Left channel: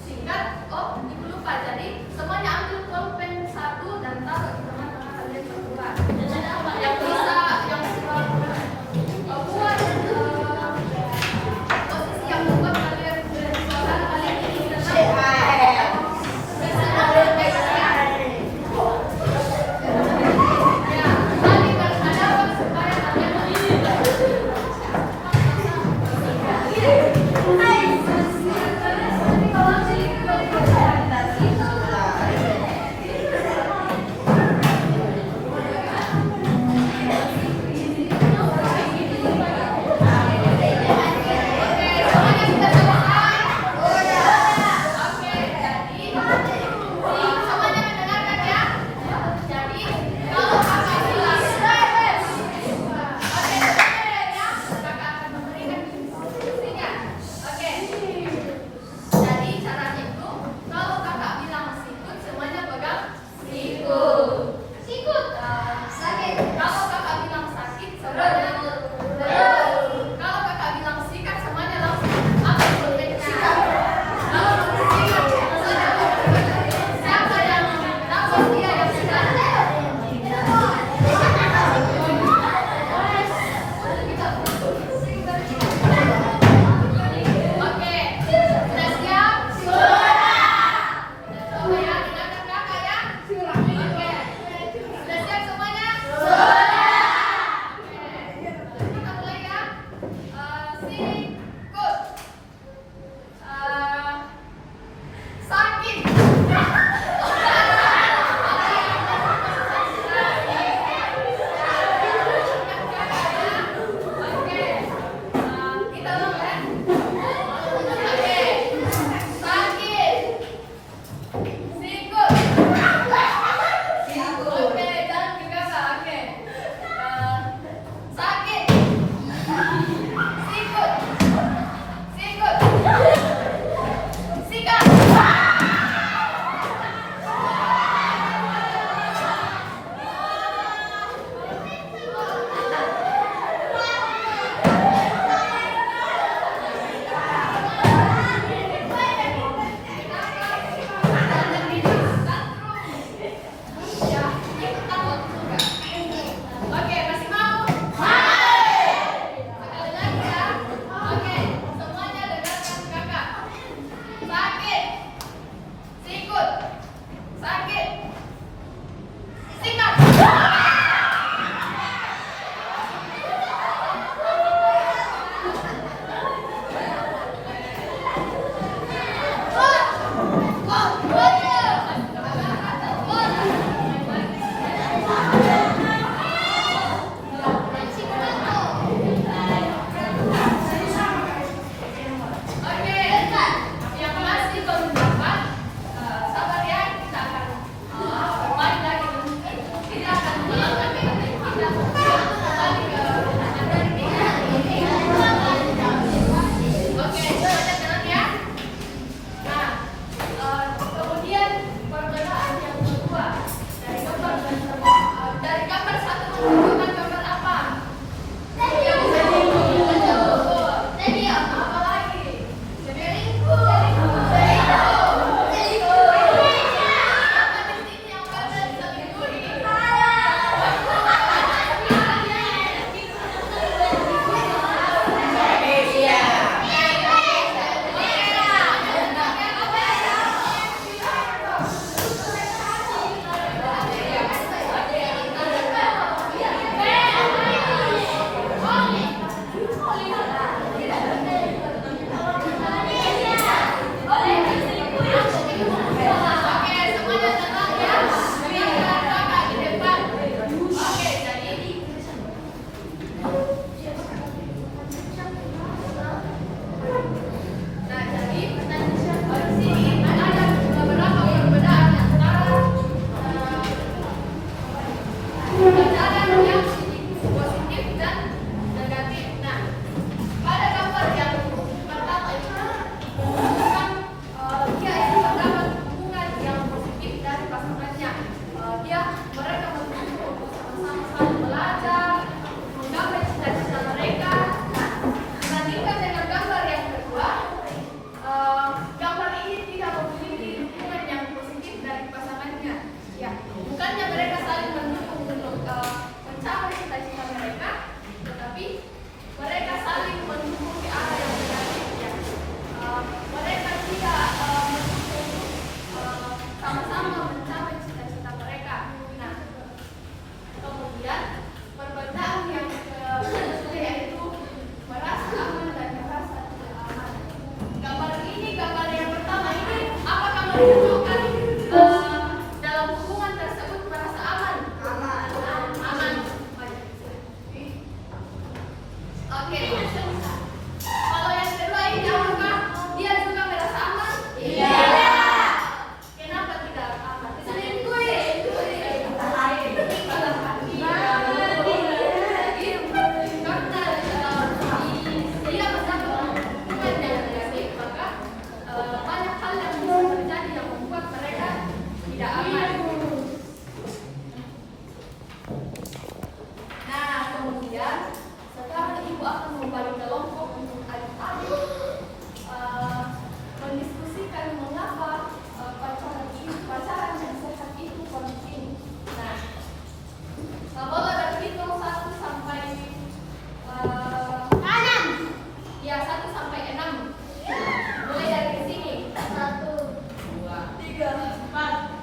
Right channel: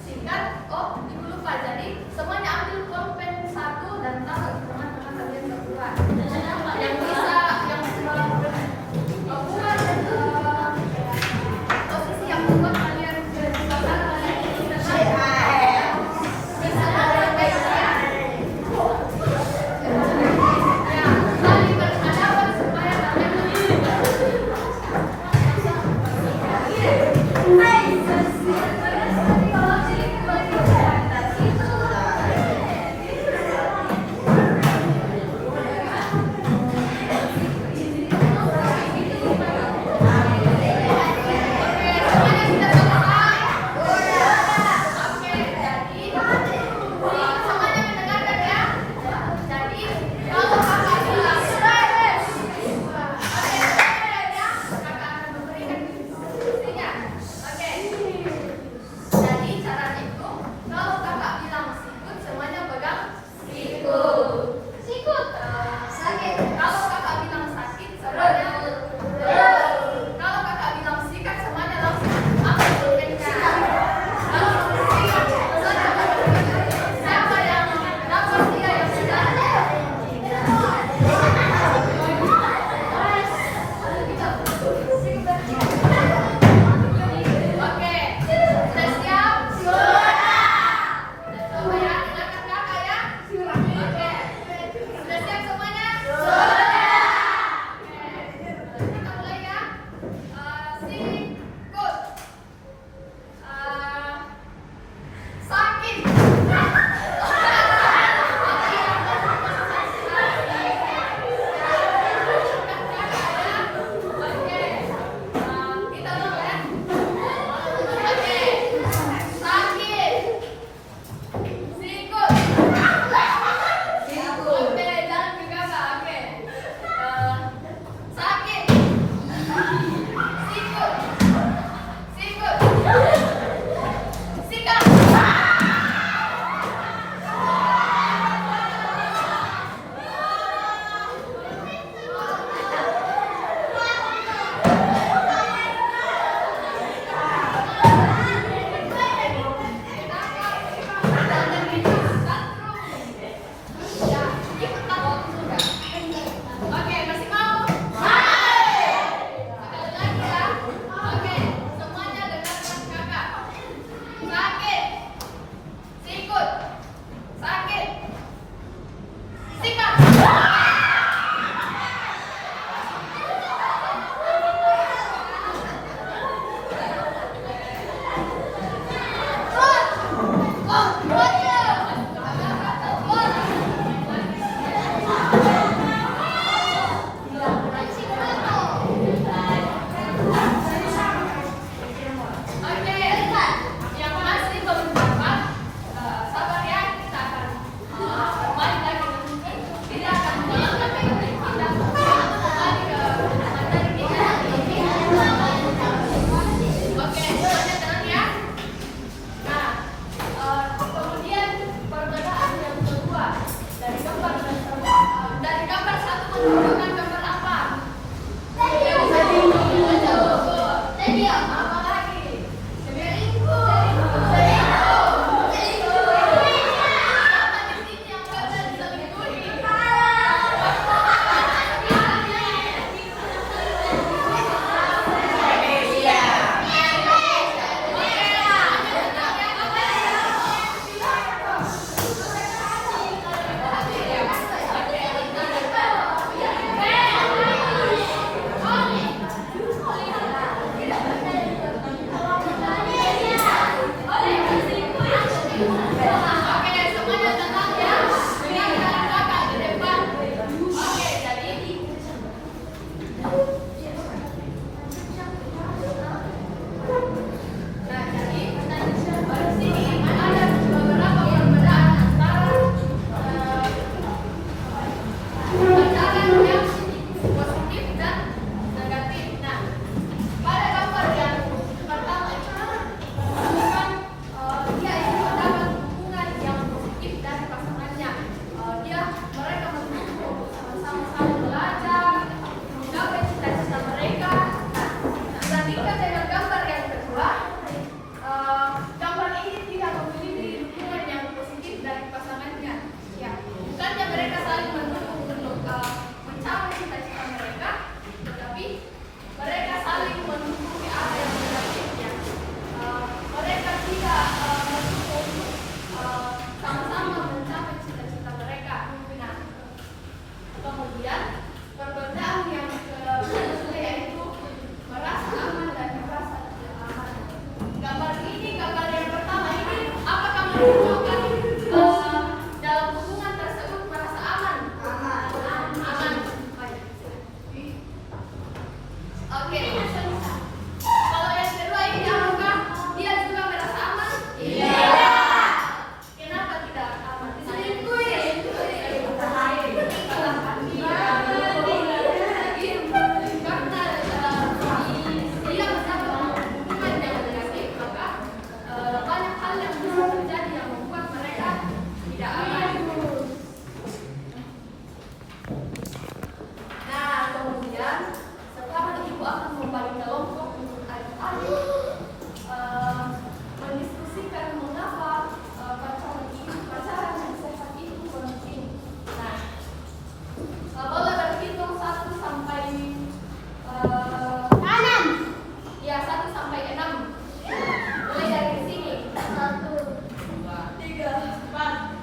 Singkat, oh ibu lupa, jadi dalam hubungan tersebut merasa aman. Aman. Oke. Kalau yang kedua ini apakah dia juga merasa aman? Iya. Kenapa tidak aman? Selingkuh ya? Banyak hal yang bisa terjadi yang membuat mereka tidak aman. Nah, kemudian sekarang ibu akan membagi kelompok untuk adik-adik mendiskusikan mengapa pacaran yang sehat itu penting. Nah, boleh berhitung 1 sampai 6. Ya, 1 sampai 6. Mulai dari sini. 1, 2, 3, 4,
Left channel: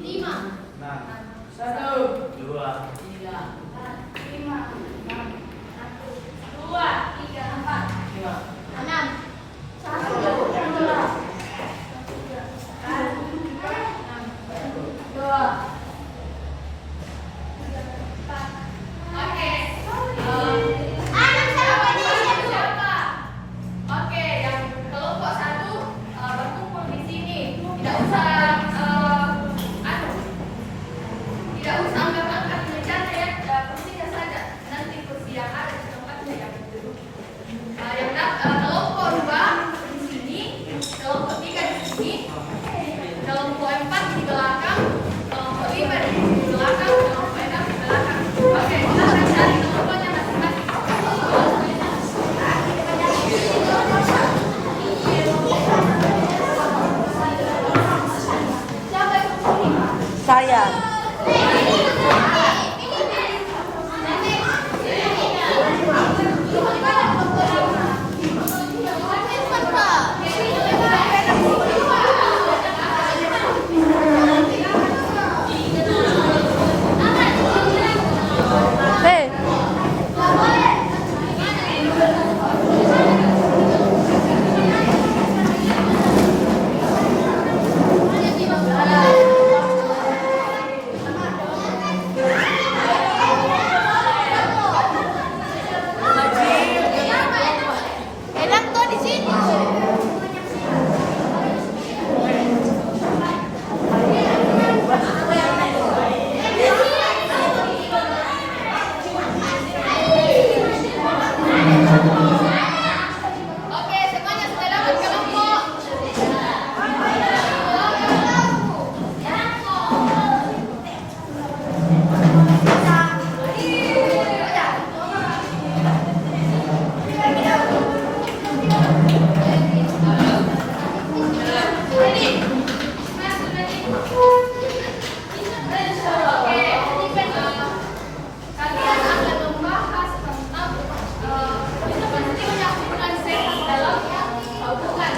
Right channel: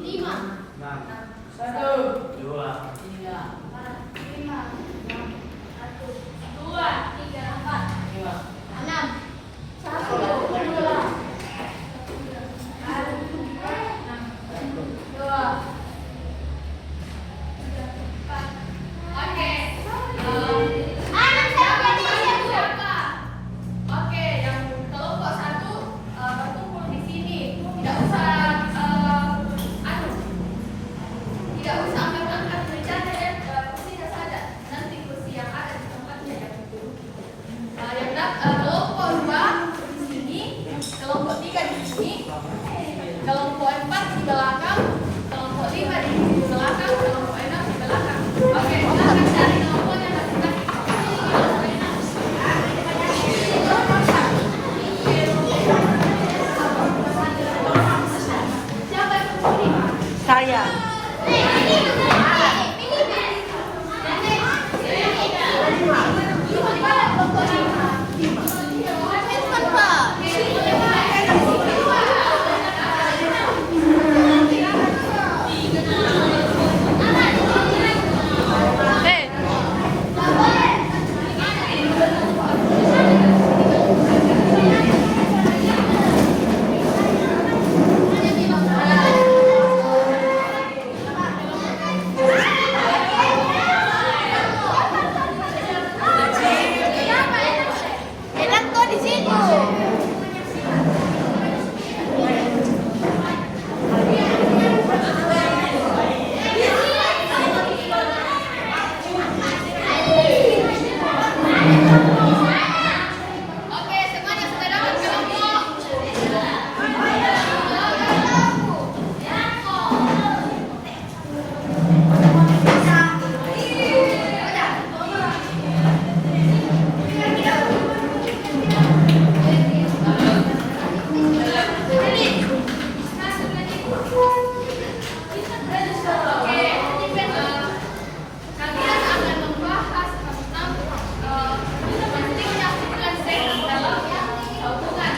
5. 1, 2, 3, 4, 5, 6, 1, 2, 3, 4, 5, 6. 1, 2, 2. Oke. Siapa? Oke, yang kelompok 1 berkumpul di sini. Tidak usah ambil angkat mejanya ya, kursinya saja. Nanti kursi yang ada di tempatnya yang duduk. Kelompok 2 di sini, kelompok 3 di sini, kelompok 4 di belakang, kelompok 5 di belakang, kelompok 6 di belakang. Oke, silakan cari kelompoknya masing-masing. Siapa yang kesini? Saya. Enak kok di sini. Oke, semuanya sudah dapat kelompok. Kalian akan membahas tentang pentingnya hubungan sehat dalam hubungan.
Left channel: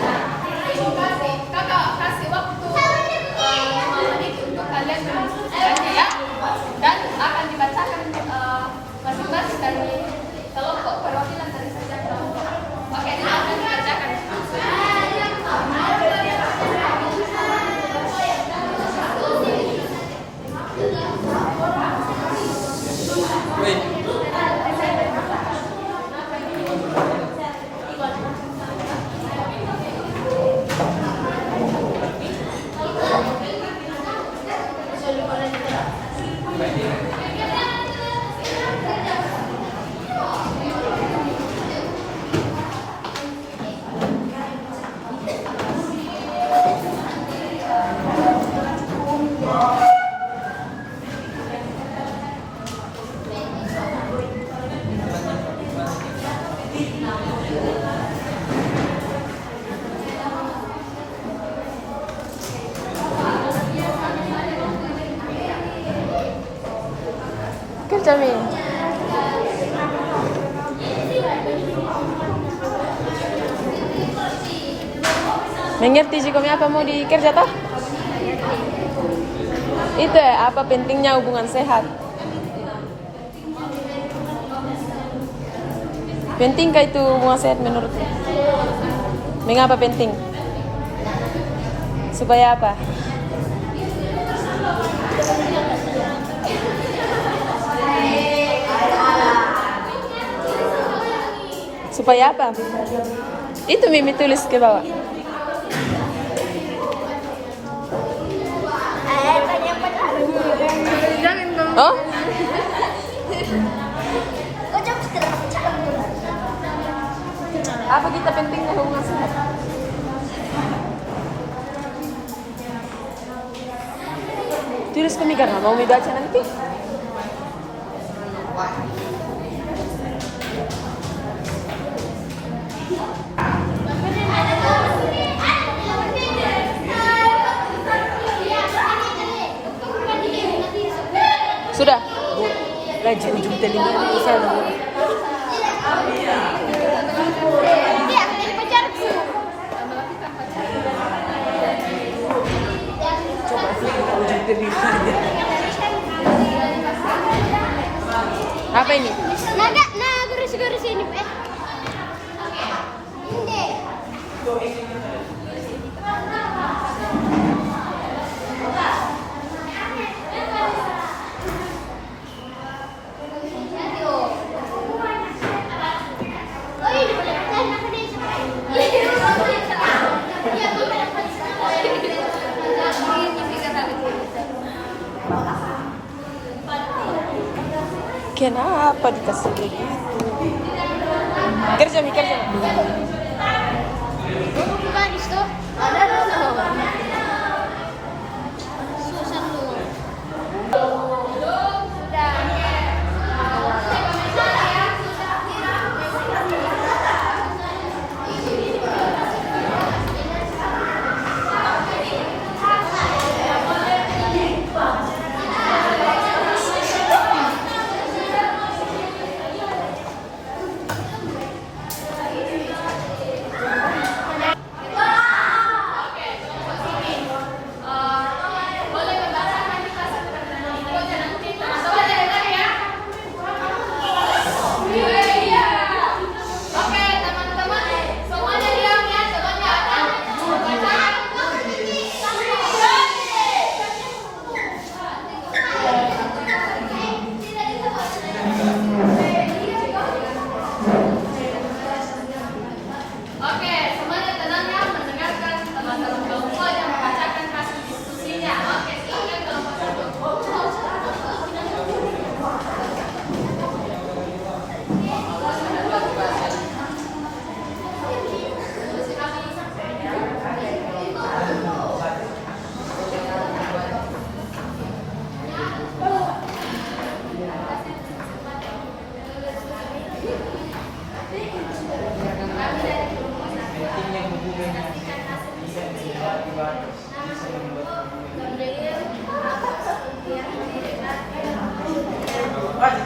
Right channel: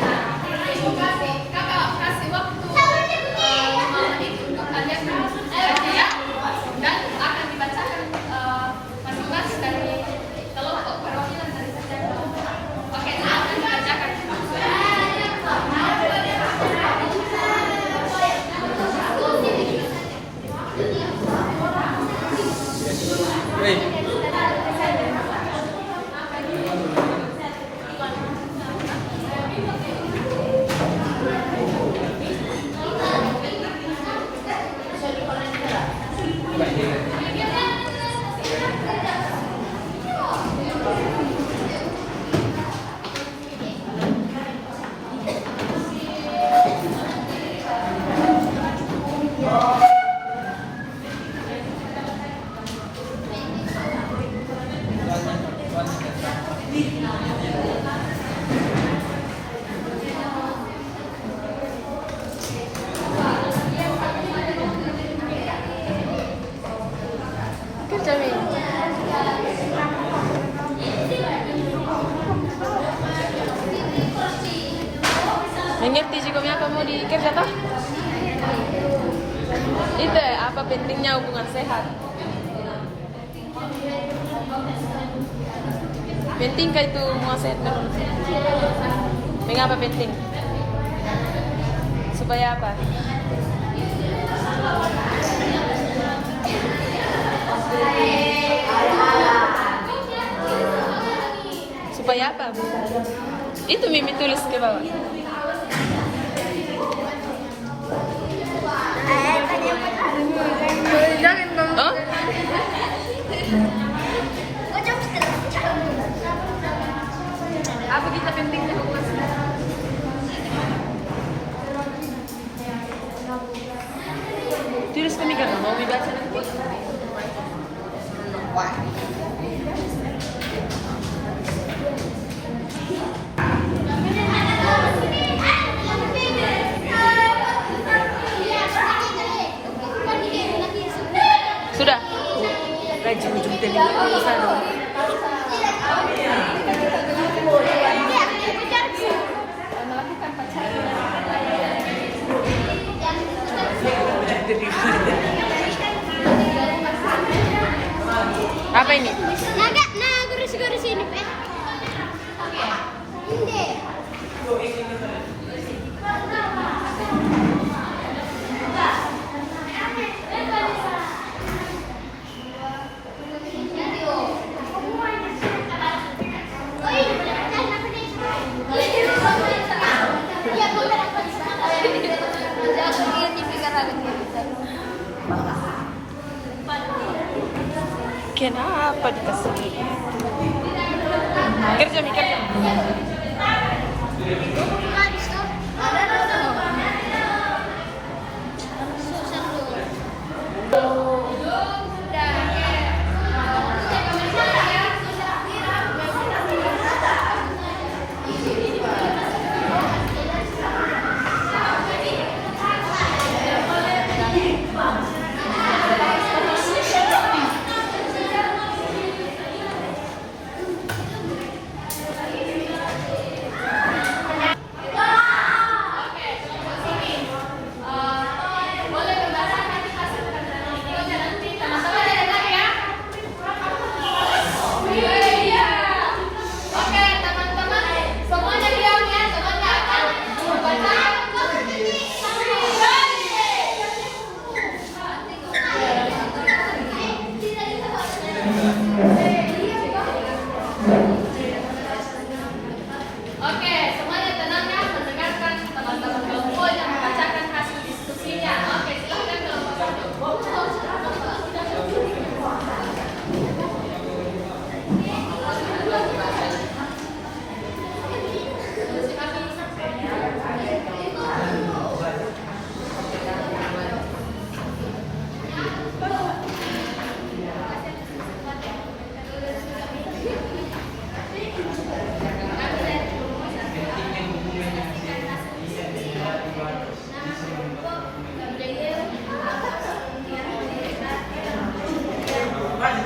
Kakak kasih waktu 5 menit untuk kalian berdiskusi ya, dan akan dibacakan presentasi dari kelompok perwakilan dari setiap kelompok. Oke, akan dibacakan. Mengerti juga apa mau dikerja tak? Itu apa pentingnya hubungan sehat? Pentingkah itu hubungan sehat menurut? Mengapa penting? Supaya apa? Supaya apa? Itu Mimi tulis ke bawah. Oh? Apa kita pentingnya hubungan sehat? Tulis kami karena mau baca nanti. Sudah. Gaji ujung telinga bisa. Ujung telinga. Apa ini? Nah, garis ini, Pak. Ini. Kenapa dikasih begitu?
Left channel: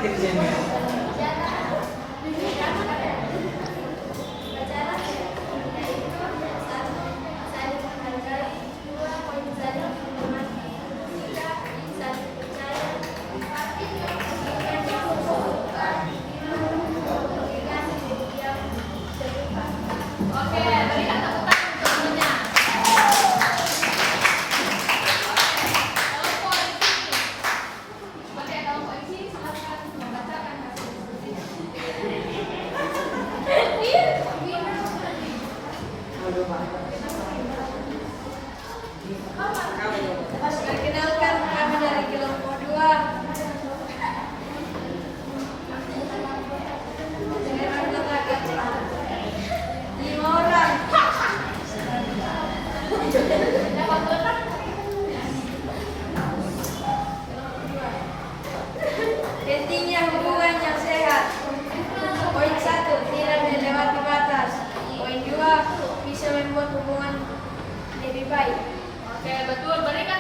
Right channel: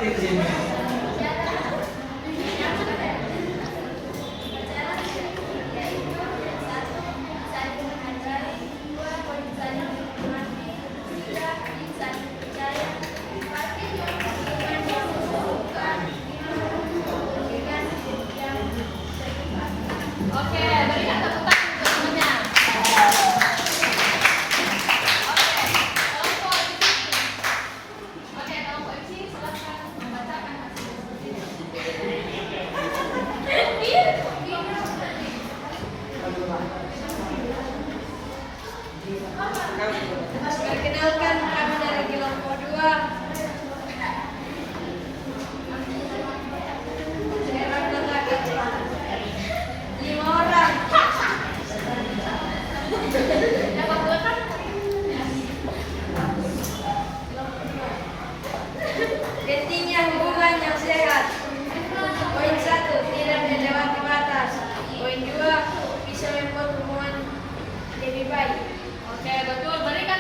Kerja. Perkenalkan, kami dari kelompok 2. Lima orang. Pentingnya hubungan yang sehat. Poin 1, tidak melewati batas. Poin 2, bisa membuat hubungan lebih baik. Oke, betul. Berikan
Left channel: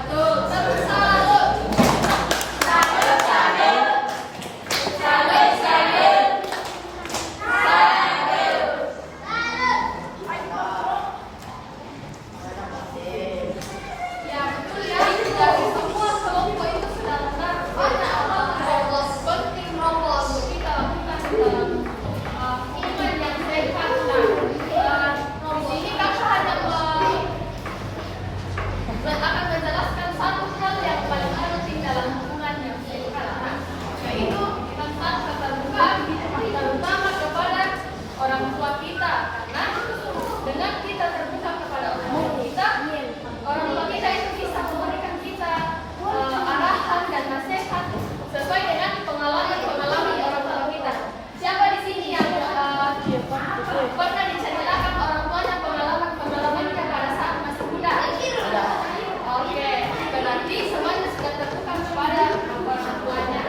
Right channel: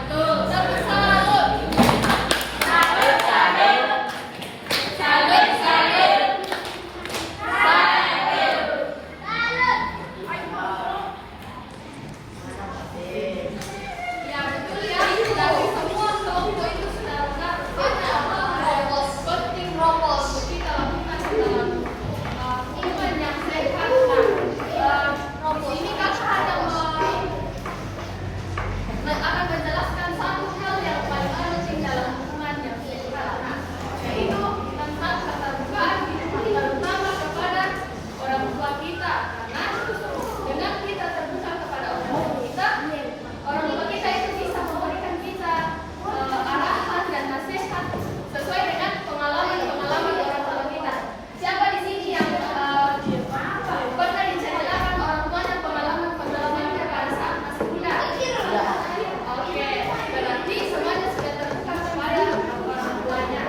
betul. Tepuk salut. Salut, salut. Salut, salut. Ya betul ya, dari semua kelompok itu sudah benar. Ada penting rokok untuk kita lakukan dalam hubungan yang sehat. Nah, di sini kakak hanya akan menjelaskan satu hal yang paling penting dalam hubungan yang sehat. Nah, yaitu tentang keterbukaan terutama kepada orang tua kita. Karena dengan kita terbuka kepada orang tua kita, orang tua kita itu bisa memberikan kita arahan dan nasihat sesuai dengan pengalaman orang tua kita. Siapa di sini yang pernah diceritakan orang tuanya pengalamannya pada saat masih muda? Oke, berarti semuanya sudah terbuka kepada orang tuanya.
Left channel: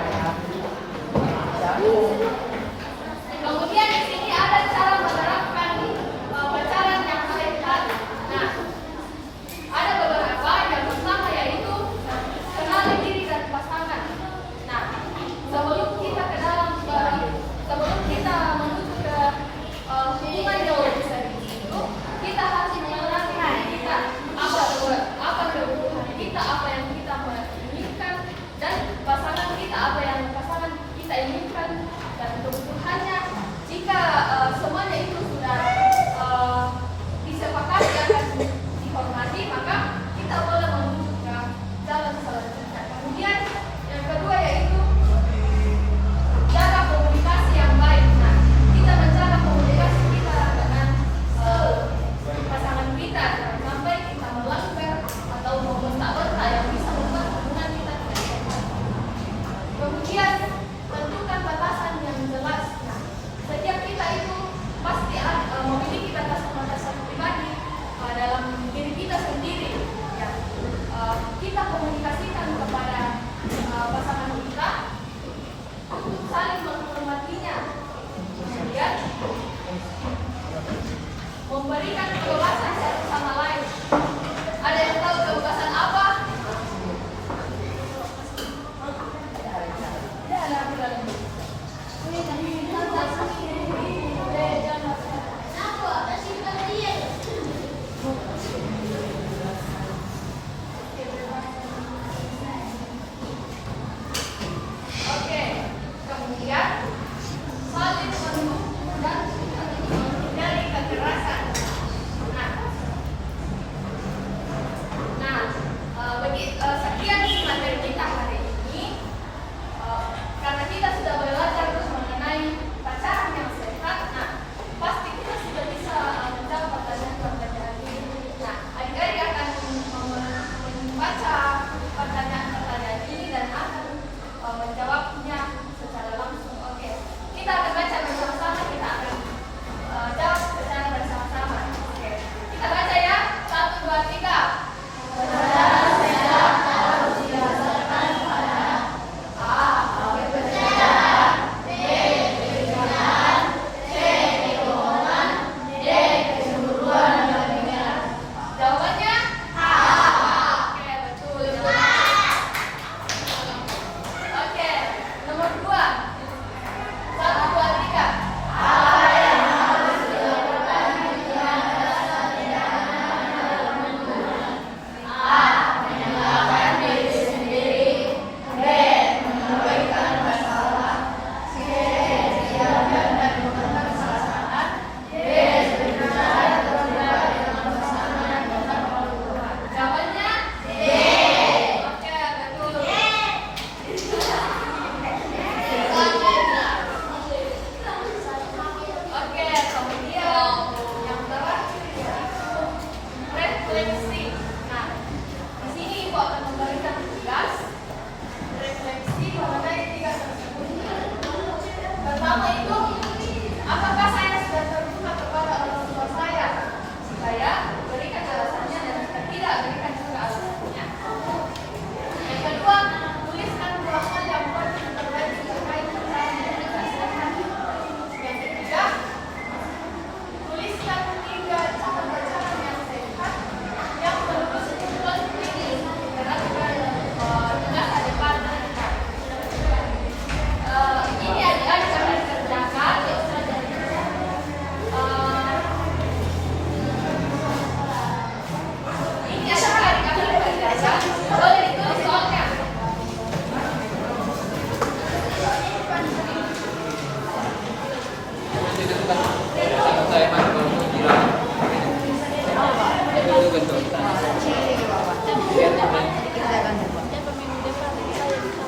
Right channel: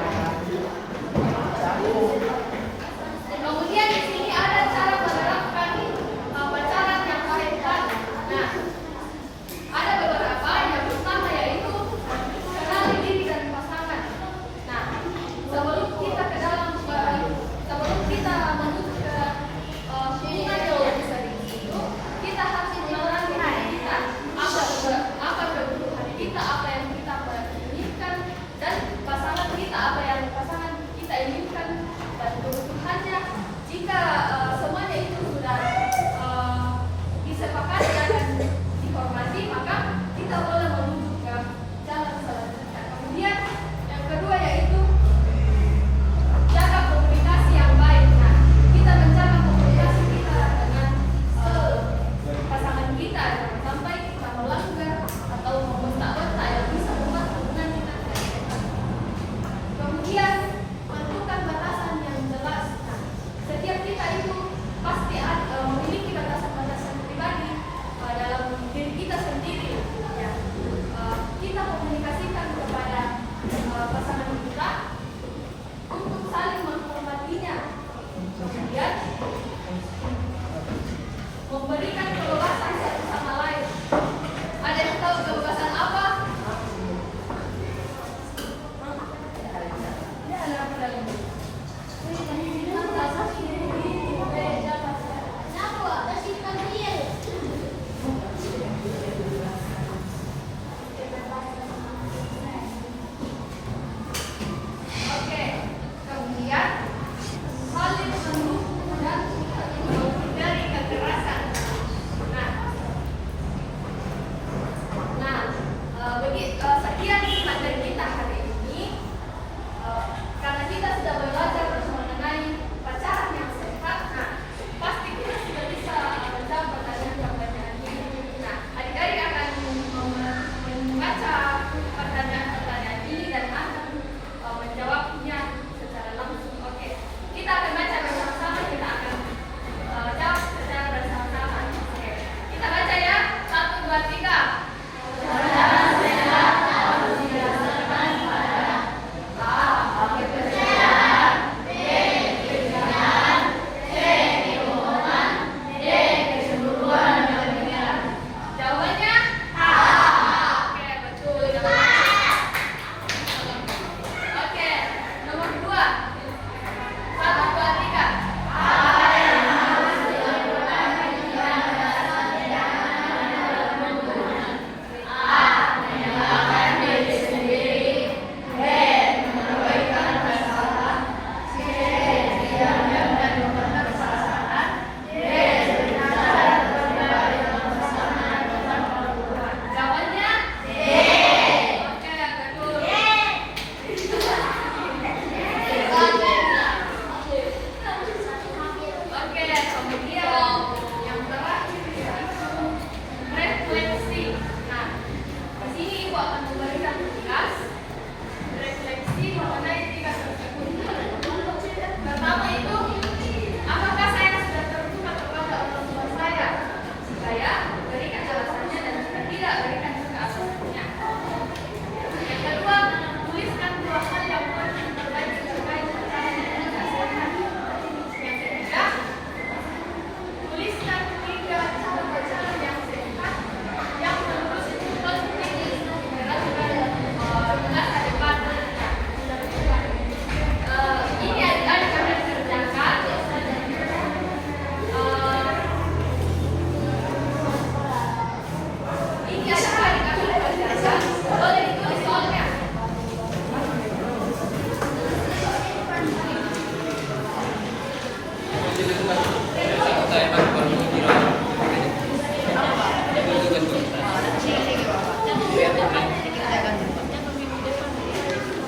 Kemudian di sini ada cara menerapkan pacaran yang sehat. Nah, ada beberapa. Yang pertama yaitu kenali diri dan pasangan. Nah, sebelum kita menuju ke hubungan yang lebih serius itu, kita harus mengenali diri kita, apa kebutuhan kita, apa yang kita inginkan, dan pasangan kita apa yang pasangan kita inginkan dan kebutuhannya. Jika semuanya itu sudah disepakati akan dihormati, maka kita boleh menuju ke jalan selanjutnya. Kemudian yang kedua yaitu jaga komunikasi yang baik. Nah, kita menjaga komunikasi kita dengan pasangan kita, jangan sampai kita melanggar atau membentak-bentak yang bisa membuat hubungan kita tidak sehat. Kemudian tentukan batasan yang jelas. Nah, setiap kita itu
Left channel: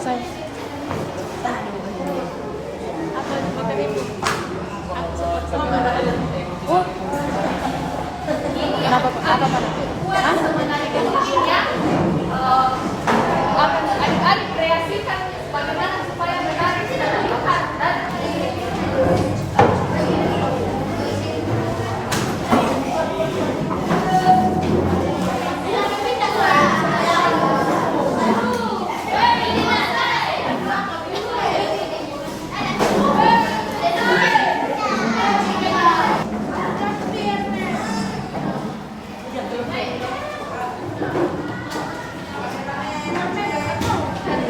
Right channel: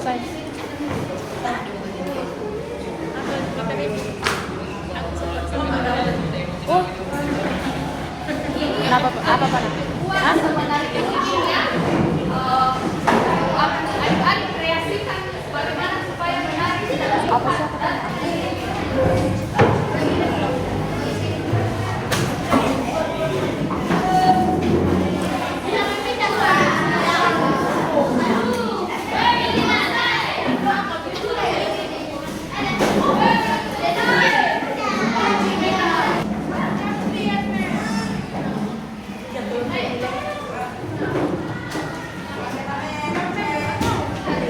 Say. Oh. Apa apa apa? Hah? Adik kreasikan bagaimana supaya menarik. Apa sih?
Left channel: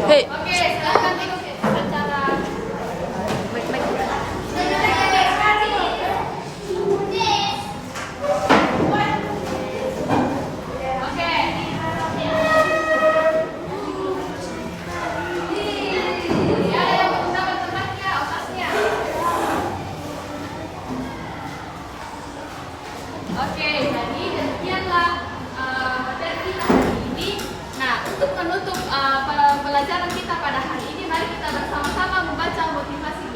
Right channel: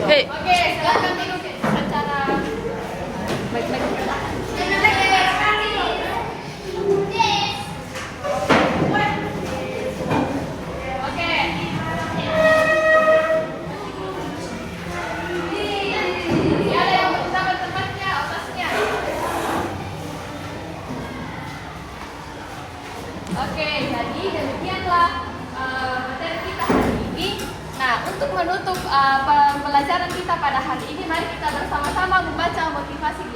Hei, Oke, silakan duduk secara Oke. Ya, ada yang belum dapat tempatnya, otasnya. Oke, jadi demikianlah materi kita hari ini. Nah, untuk menutup pembelajaran kita pada hari ini, mari kita bersama-sama membaca motivasi